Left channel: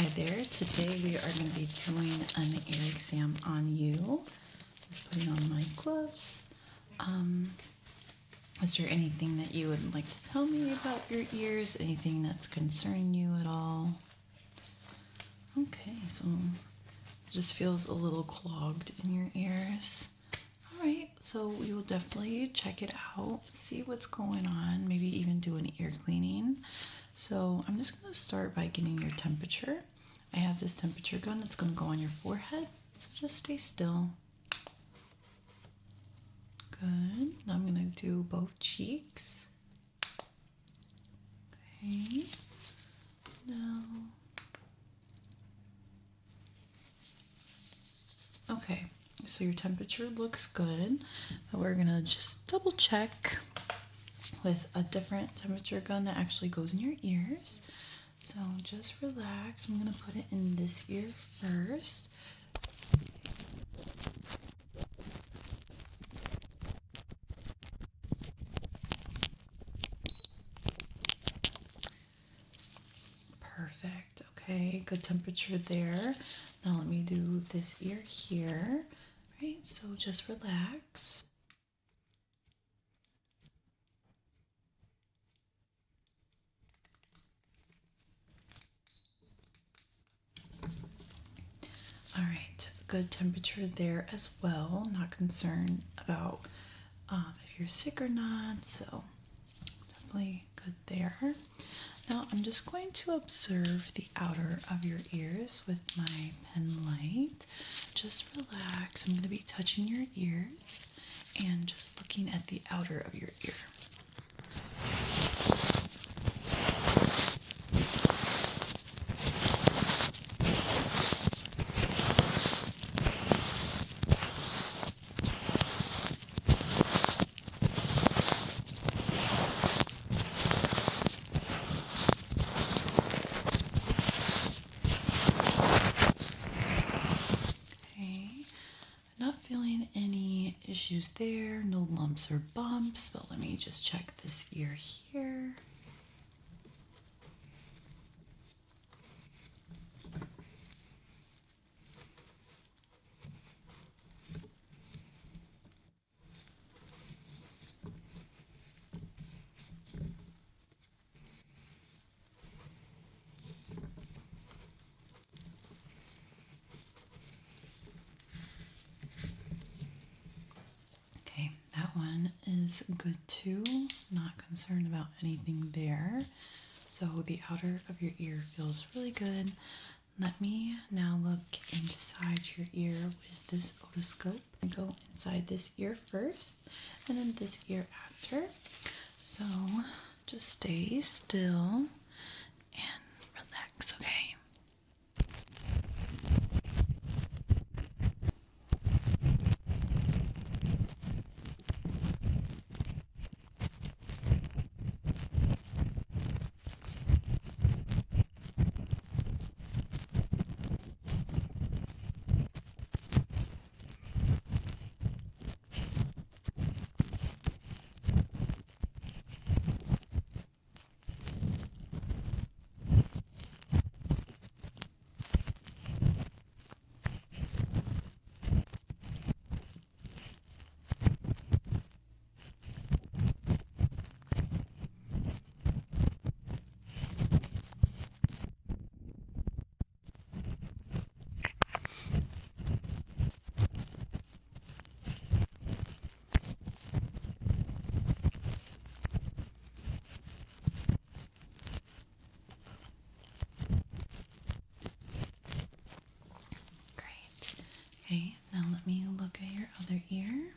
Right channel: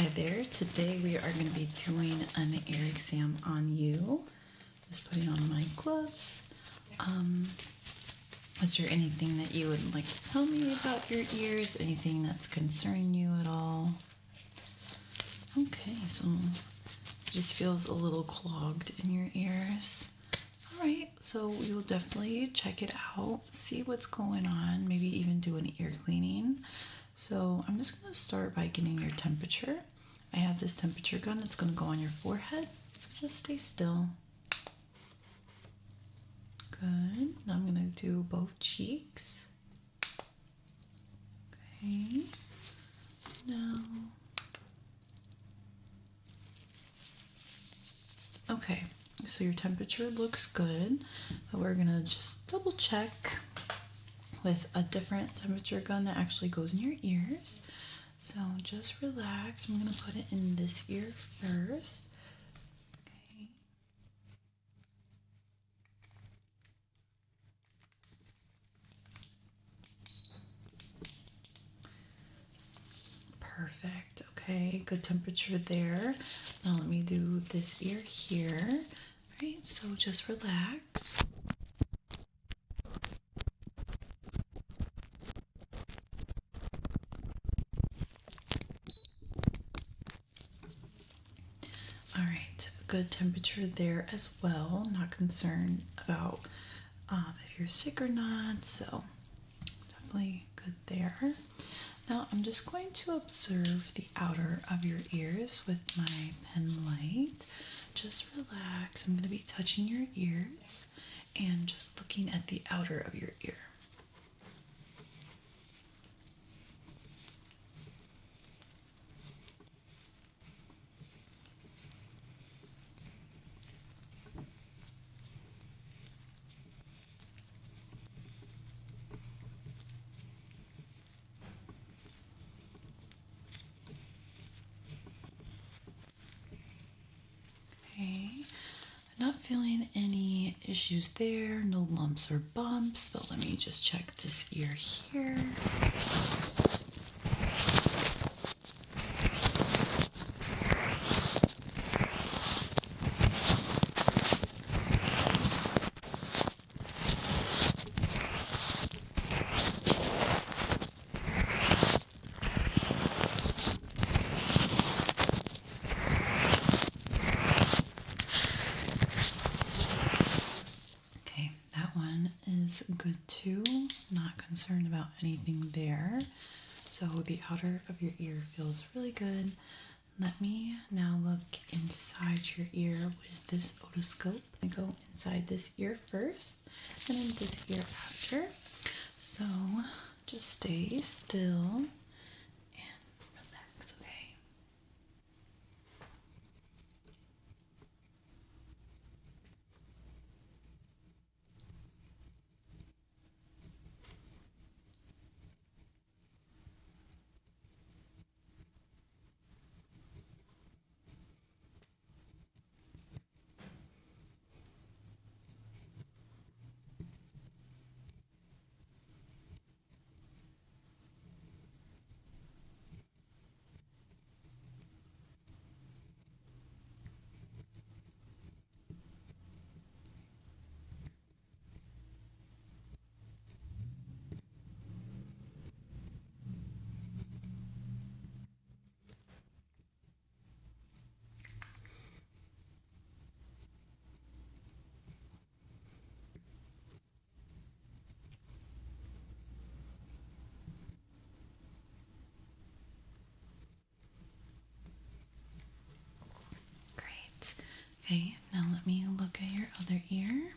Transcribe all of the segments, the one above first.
Hi there. Today we are going to be doing an ear exam on you. Just putting on my gloves. Is there anything that you would like to tell me about your ears? Anything that's concerning you at all? Okay, so it just feels a little clogged in your ears. All right, so we will definitely check it out, see what's going on, maybe even do an ear cleaning. So I'm just going to start by getting your temperature. I have this temperature gun that's going to go on your forehead, so just stay still. Good. Now I'm going to do both cheeks. Okay. Now. Okay, so your temperature looks good, but we're going to just double check with a different temperature gun that actually goes in your ears. So just relax. I'm going to put it in this ear first. Perfect. Okay, good temperature there. Now let me do this ear here. All right, so just relax. All right, good temperature there as well. Not concerned about if you're sick or not, so definitely good there. Now I'm just going to observe the outer of your ears with my pen light. Just relax. I'm going to be touching your ears and just looking at the outer of your ear. Not feeling any issues there, no lumps or bumps, but let me just check this ear here. Is good too. Not concerned about anything there. So the outer of your ear feels really good. Let me now look inside your ear with this otoscope. I go inside this ear first and then this ear after. So just stay still and relax, okay? Okay, now let me look at your other ear.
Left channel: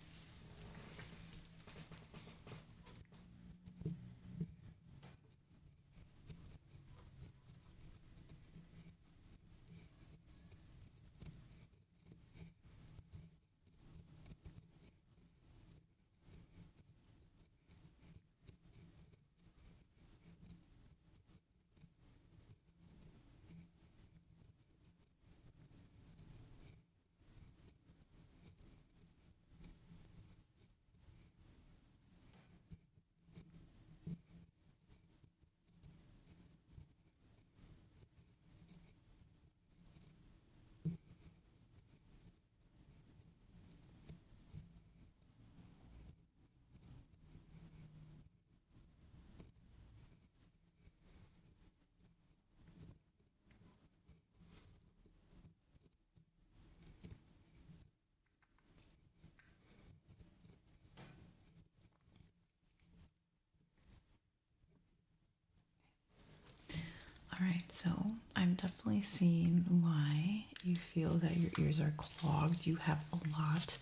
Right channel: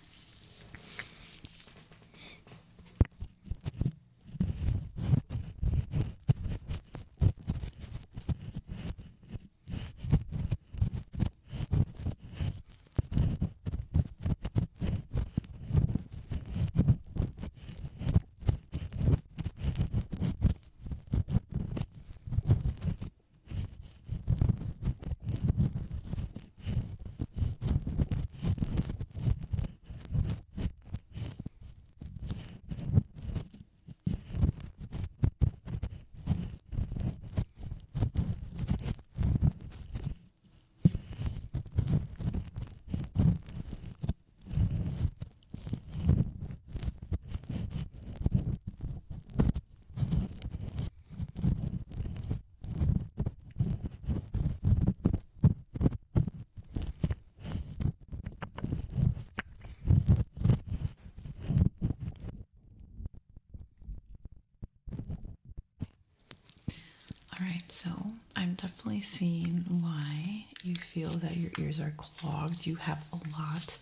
So I'm definitely seeing why you feel that your ears are clogged. You have a lot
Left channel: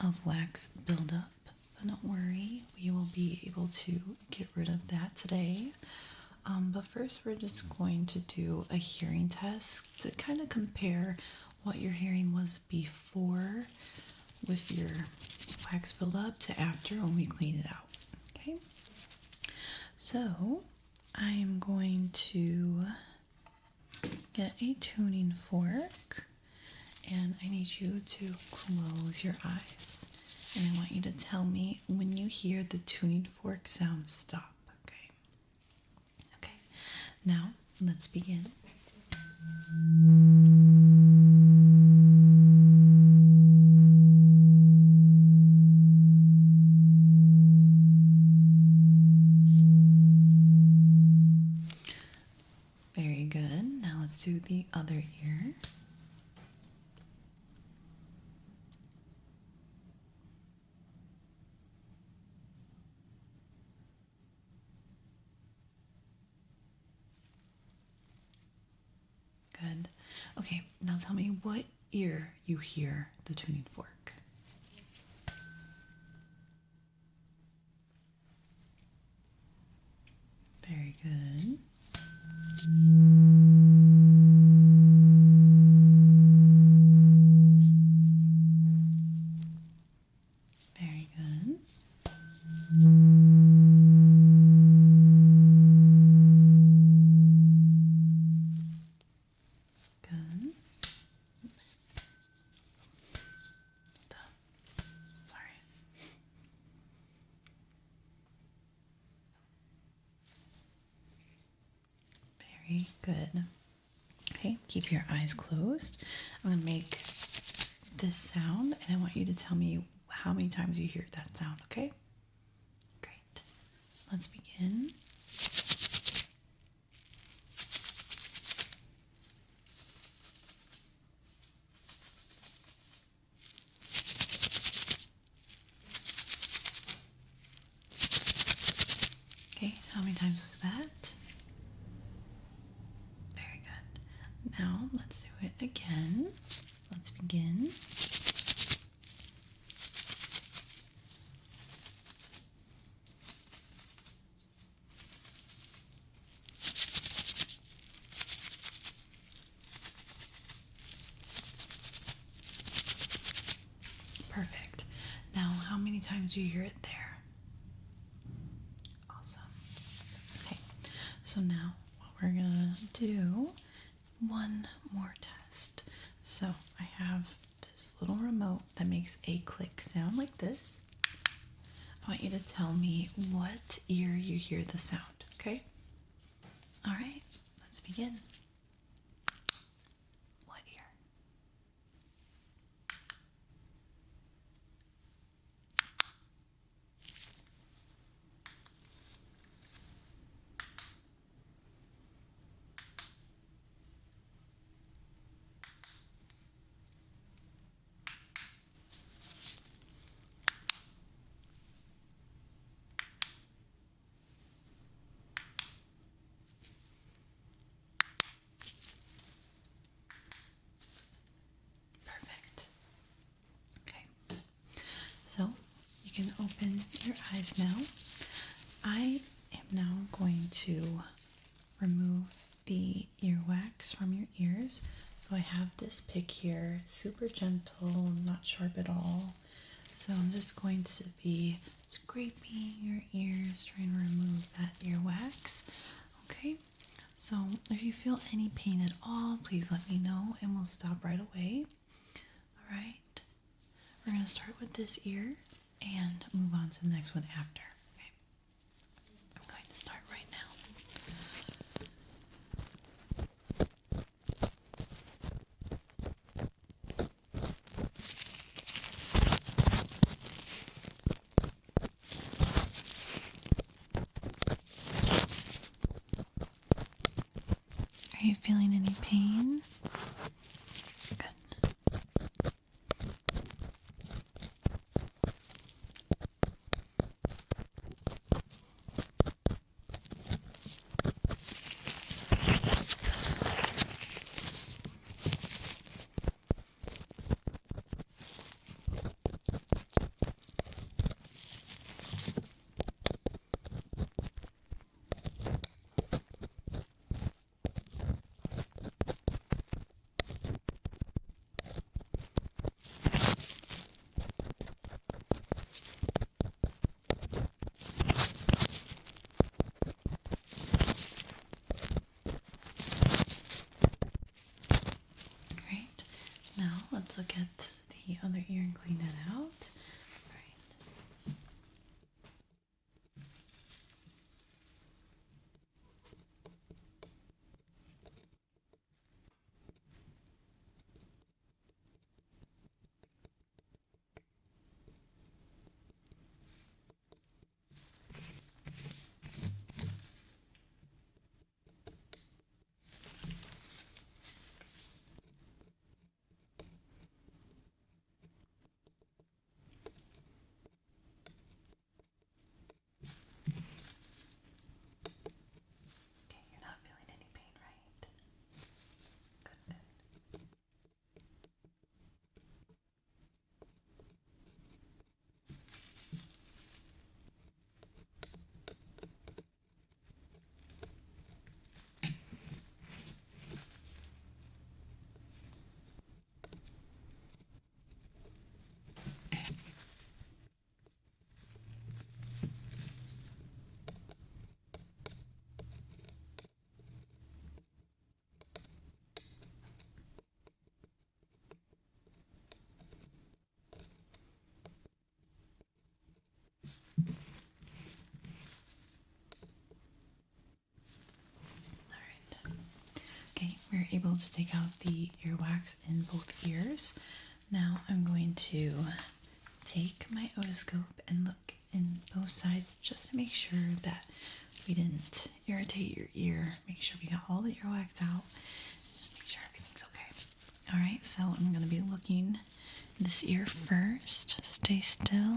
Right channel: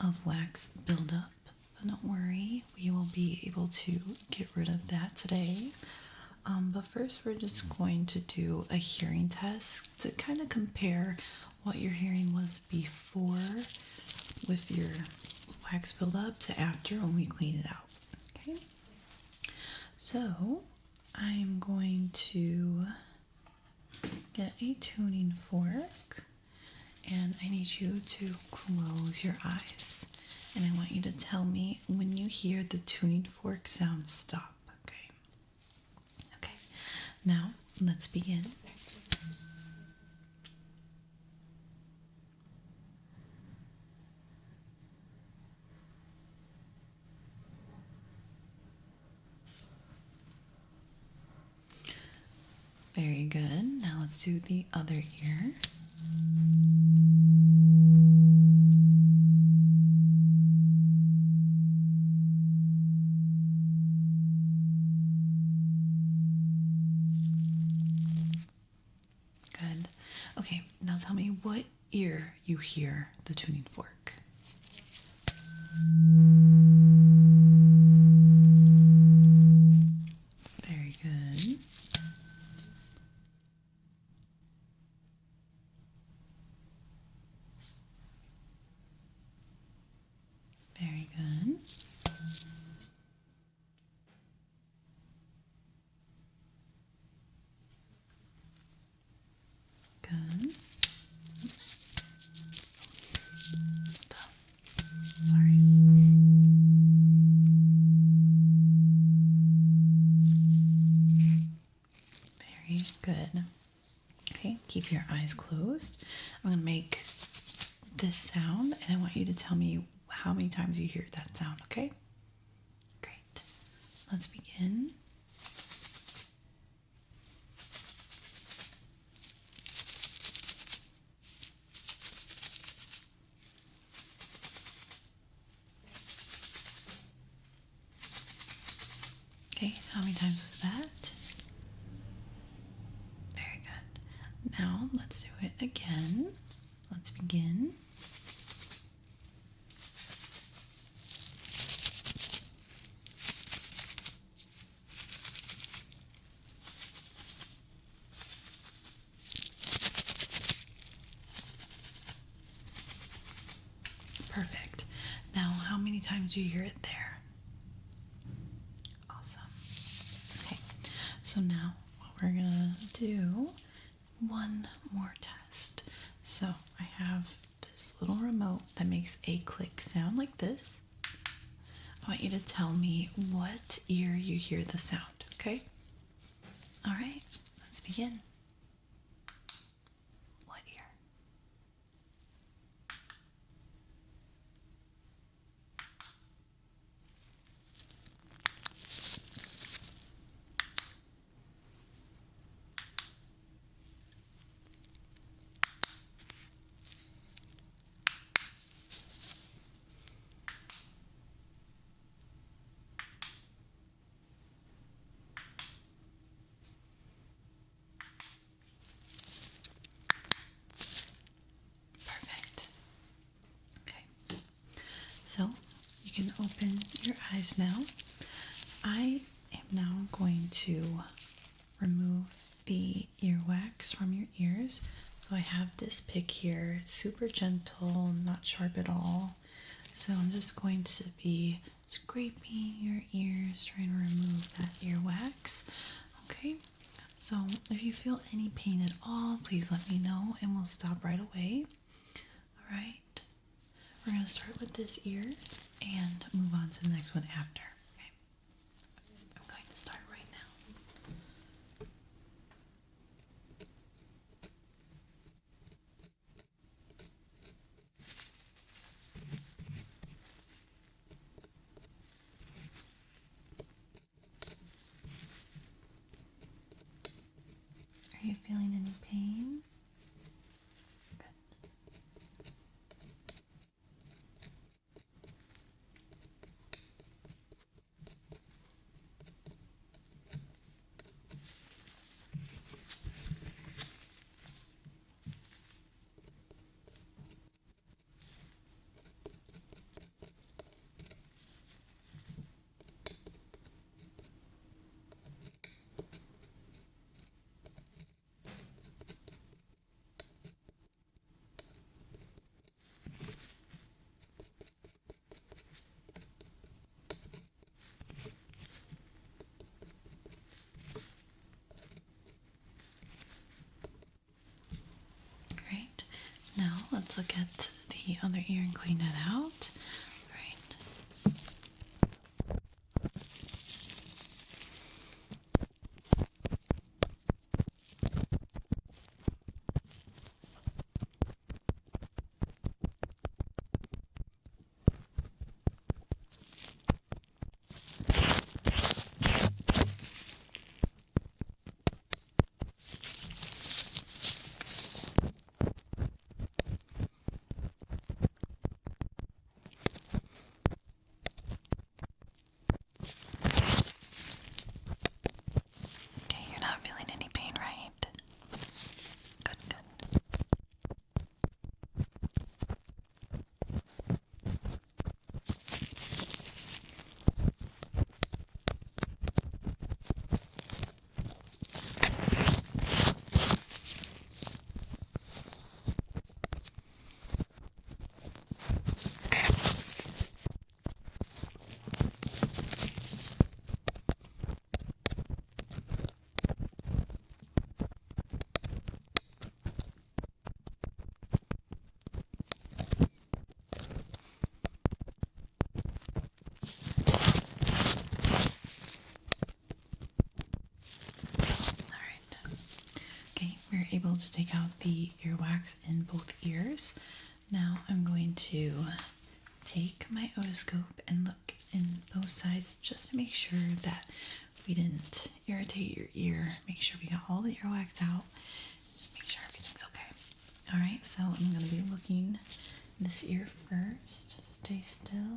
of wax buildup, but don't worry, we will be able to get rid of that today. But first, we're just going to do a hearing test to kind of compare what your hearing was before with your wax buildup to after when we clean it out. Okay, so I'm going to get a tuning fork, and I need you to close your eyes, and I want you to tell me when you hear the tuning fork sound stop. Okay, now let's begin. Very good. Now let's do the other ear. Good. Okay, now tell me what ear you hear the tuning fork. Very good. Very good. Good. Oops. Sorry. Very good. Okay, keep your eyes closed. I'm going to make this sound, and I want you to tell me how many times you hear that sound, okay? Great. Let's begin. Okay, how many times was that? Very good. Now let's do it again. Let's begin. Perfect. Now, how many times do you hear it there? Awesome. Okay, so now what we're gonna do, one more test. So I have this little remote that makes a click sound like this. I want you to tell me what ear you hear the sound, okay? All right, let's begin. What ear? Perfect. Okay. So you can open your eyes now. I am now going to remove the earwax from your ears. So I have this pick here, super gentle, not sharp at all. So I'm just going to be scraping your ears, trying to remove that earwax. Okay, so if you feel any pain at all, please let me know and we'll stop right away. All right, we're going to start with this ear and move on to the next one after. Okay, I'm going to start right now. Are you feeling any pain? Good. let's look at the other ear and clean it out. Right. Okay, you're not feeling any pain, right? Good, good. Okay, we're able to take out the earwax in both ears. Now I'm going to take my otoscope and look in both sides just to make sure that we didn't irritate your ear. Make sure we got all the earwax out. Just make sure everything's okay. All right, so I'm going to be looking this ear first. Stay still.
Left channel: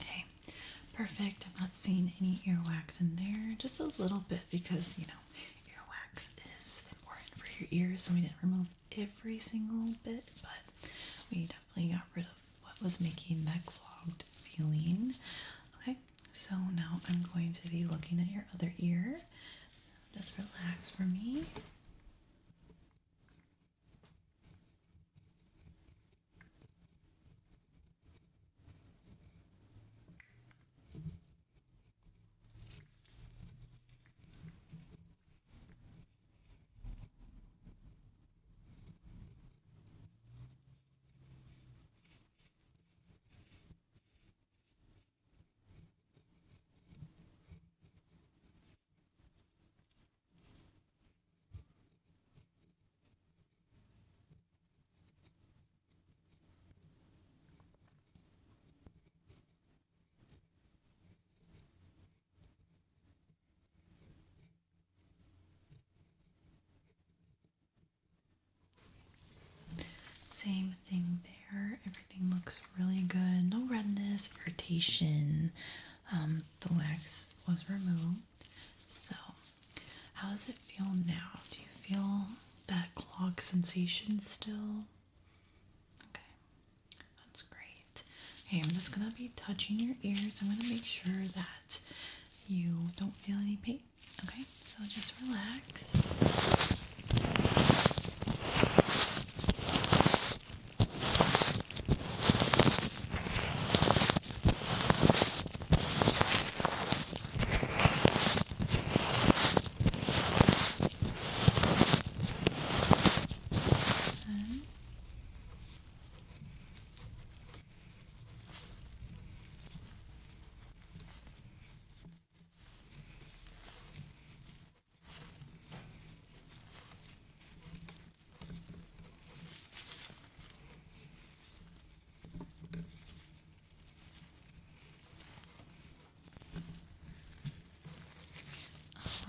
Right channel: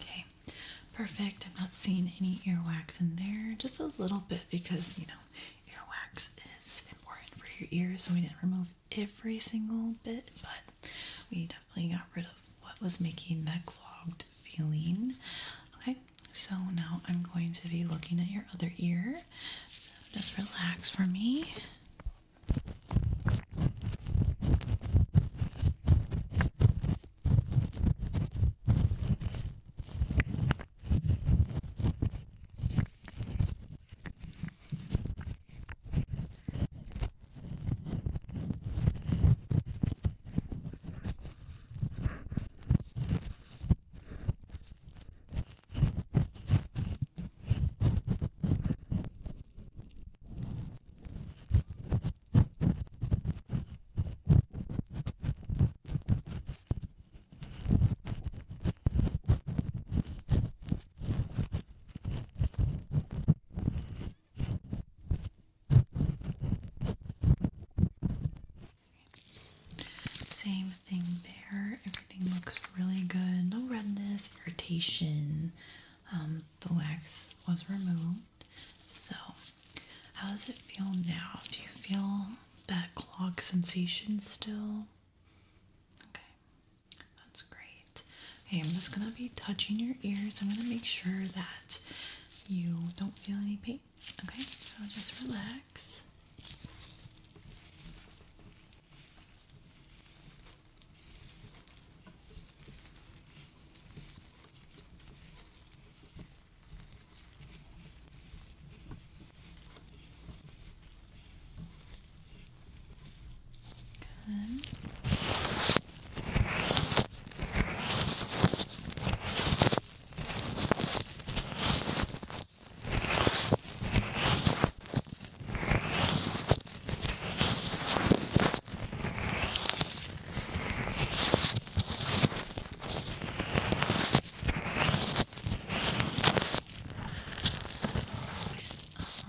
Okay, perfect. I'm not seeing any earwax in there. Just a little bit because, earwax is important for your ears. So we didn't remove every single bit, but we definitely got rid of what was making that clogged feeling. Okay, so now I'm going to be looking at your other ear. Just relax for me. Same thing there. Everything looks really good. No redness, irritation. The wax was removed. So, how does it feel now? Do you feel that clog sensation still? Okay, that's great. Okay, I'm just gonna be touching your ears. I'm gonna make sure that you don't feel any pain. Okay, so just relax.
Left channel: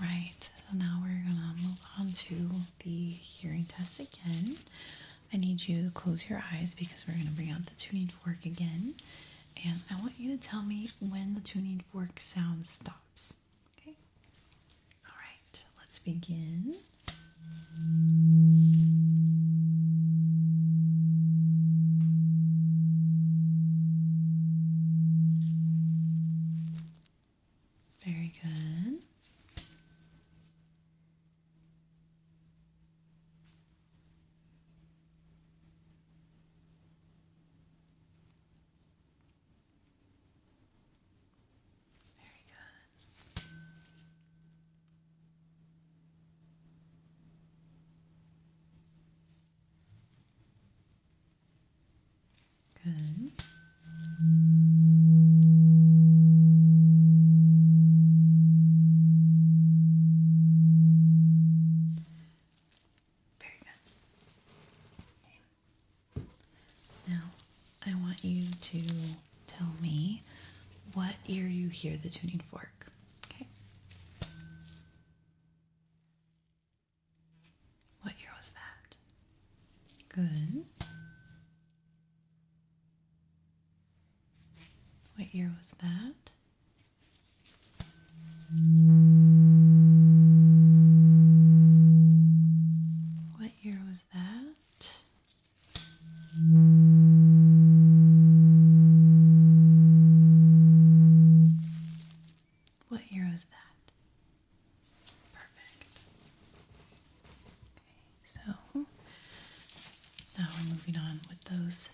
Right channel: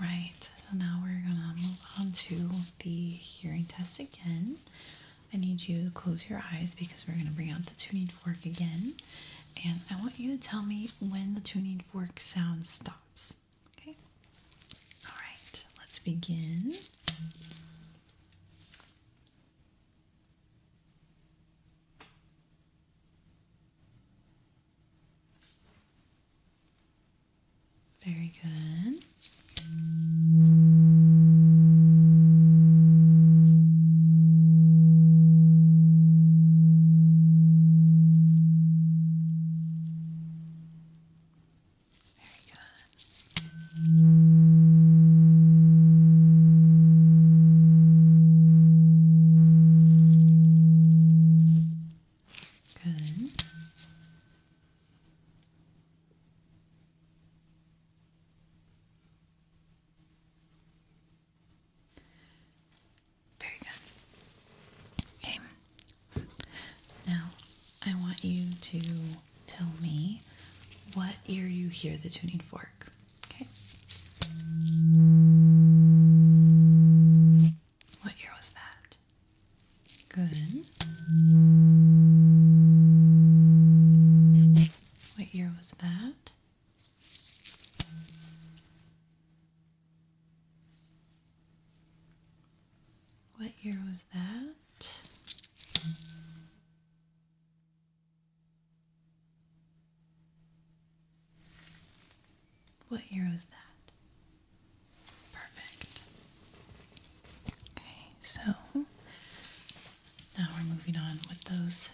Right, so now we're gonna move on to the hearing test again. I need you to close your eyes because we're gonna bring out the tuning fork again. And I want you to tell me when the tuning fork sound stops. Okay? All right, let's begin. Very good. Good. Very good. Okay. Now, I want you to tell me what ear you hear the tuning fork. Okay. What ear was that? Good. What ear was that? What ear was that? What ear was that? Perfect. Okay, so now we're moving on with those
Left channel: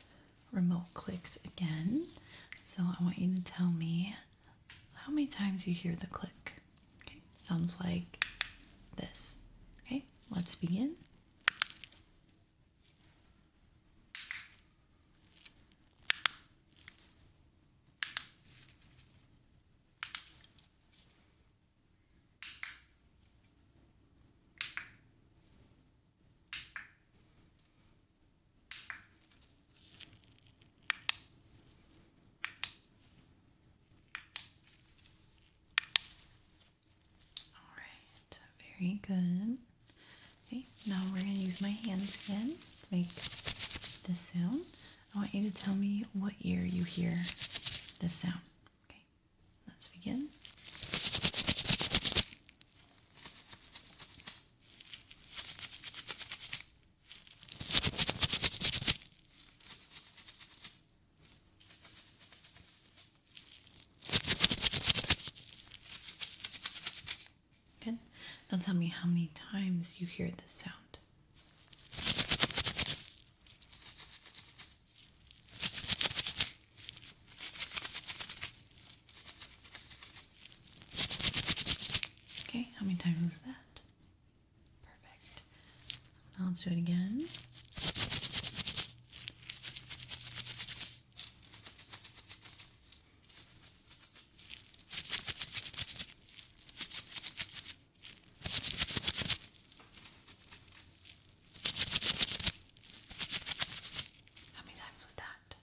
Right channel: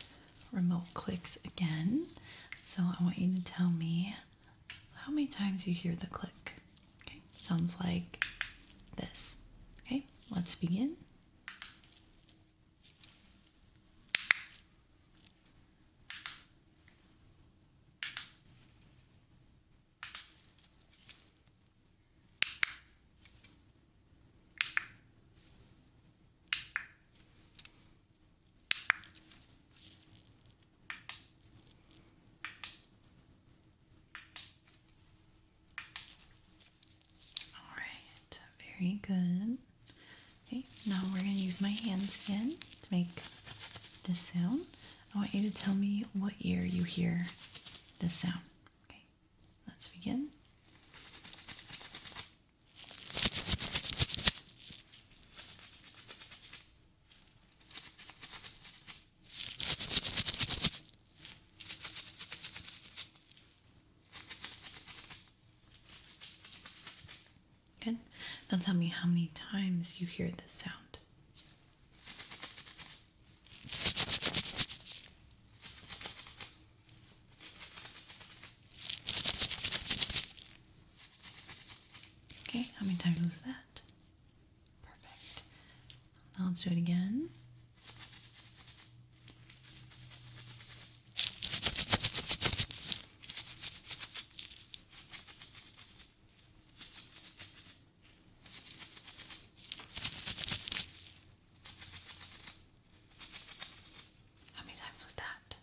remote clicks again. So I want you to tell me how many times you hear the click. Okay, sounds like this. Okay, let's begin. All right, very good. Okay, now we're going to use my hands again to make this sound. I want you to tell me what ear you hear this sound. Okay, let's begin. Good. Now tell me how many times you hear this sound. Okay, how many times was that? Perfect. Now let's do it again. How many times was that?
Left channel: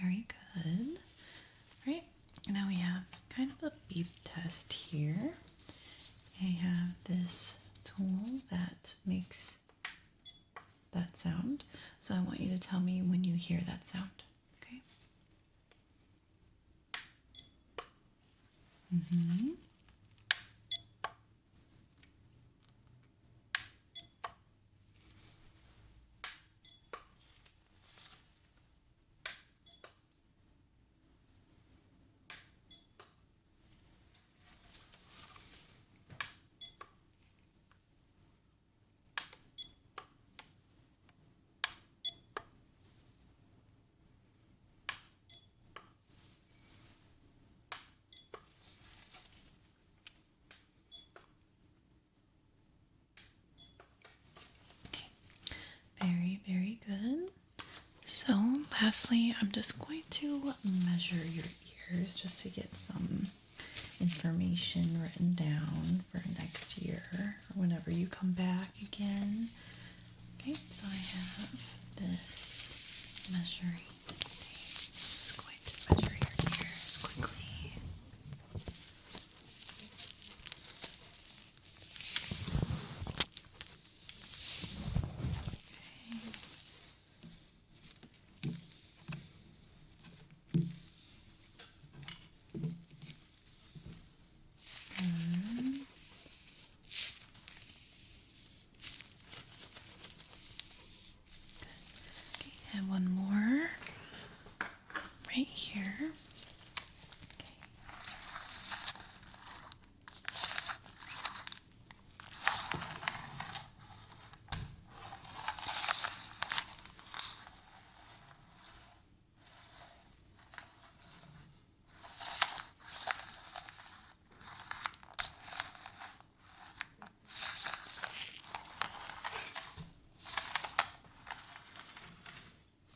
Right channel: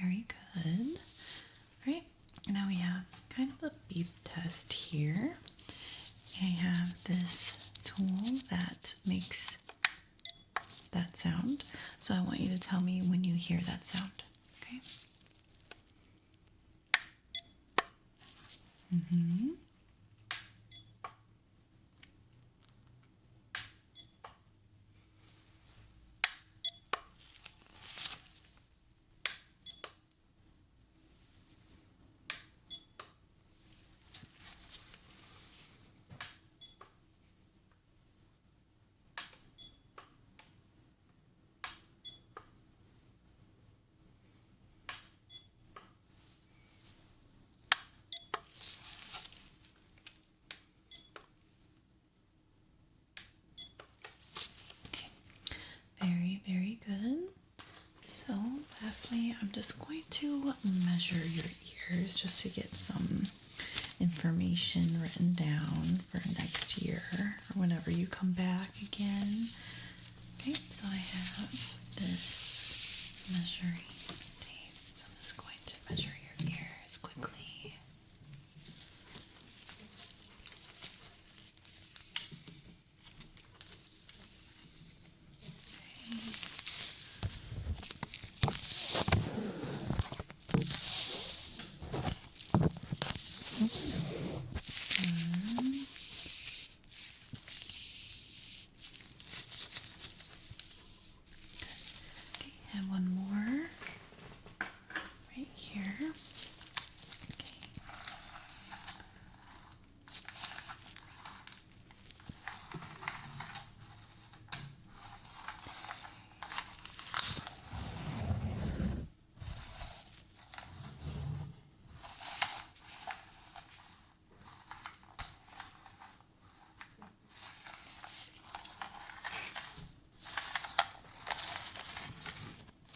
Very good. All right, now we have kind of a beep test here. I have this tool that makes that sound. So I want you to tell me when you hear that sound. Okay? Mm-hmm. Okay. Very, very good. So lastly, I'm just going to measure your ears just to get some information written down for next year or whenever you come back again. Okay, so I have this measuring tape. So I'm just going to measure your ears quickly. And one more right here. Okay.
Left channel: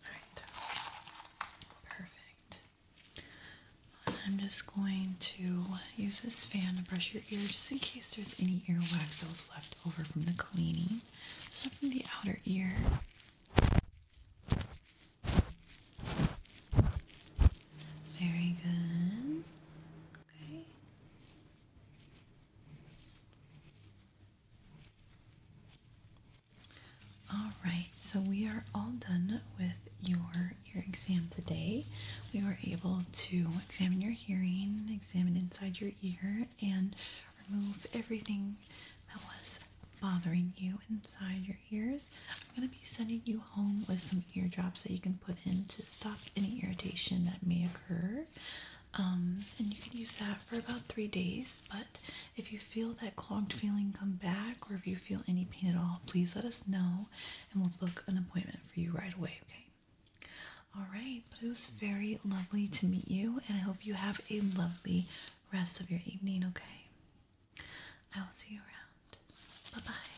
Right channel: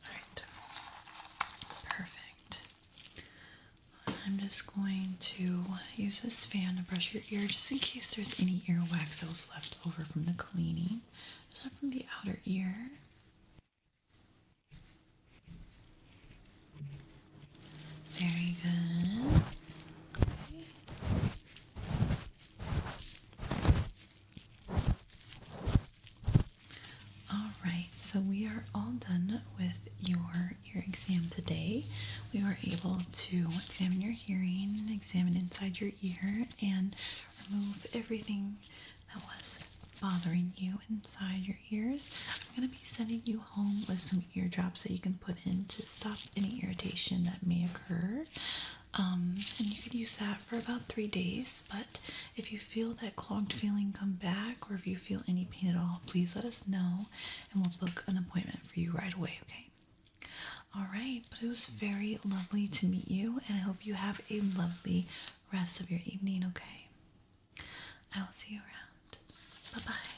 Alright, perfect. I'm just going to use this fan to brush your ear just in case there's any earwax that was left over from the cleaning. Just from the outer ear. Very good. Okay. All right, so we are all done with your ear exam today. We were able to examine your hearing, examine inside your ear, and remove everything that was bothering you inside your ears. I'm going to be sending you home with some ear drops that you can put in to stop any irritation that may occur. And you could use that for about 3 days, but if you feel that clogged feeling come back or if you feel any pain at all, please let us know and we'll book an appointment for you right away, okay? All right, but it was very lovely to meet you, and I hope you have a lovely rest of your evening, okay? I will see you around. Bye-bye.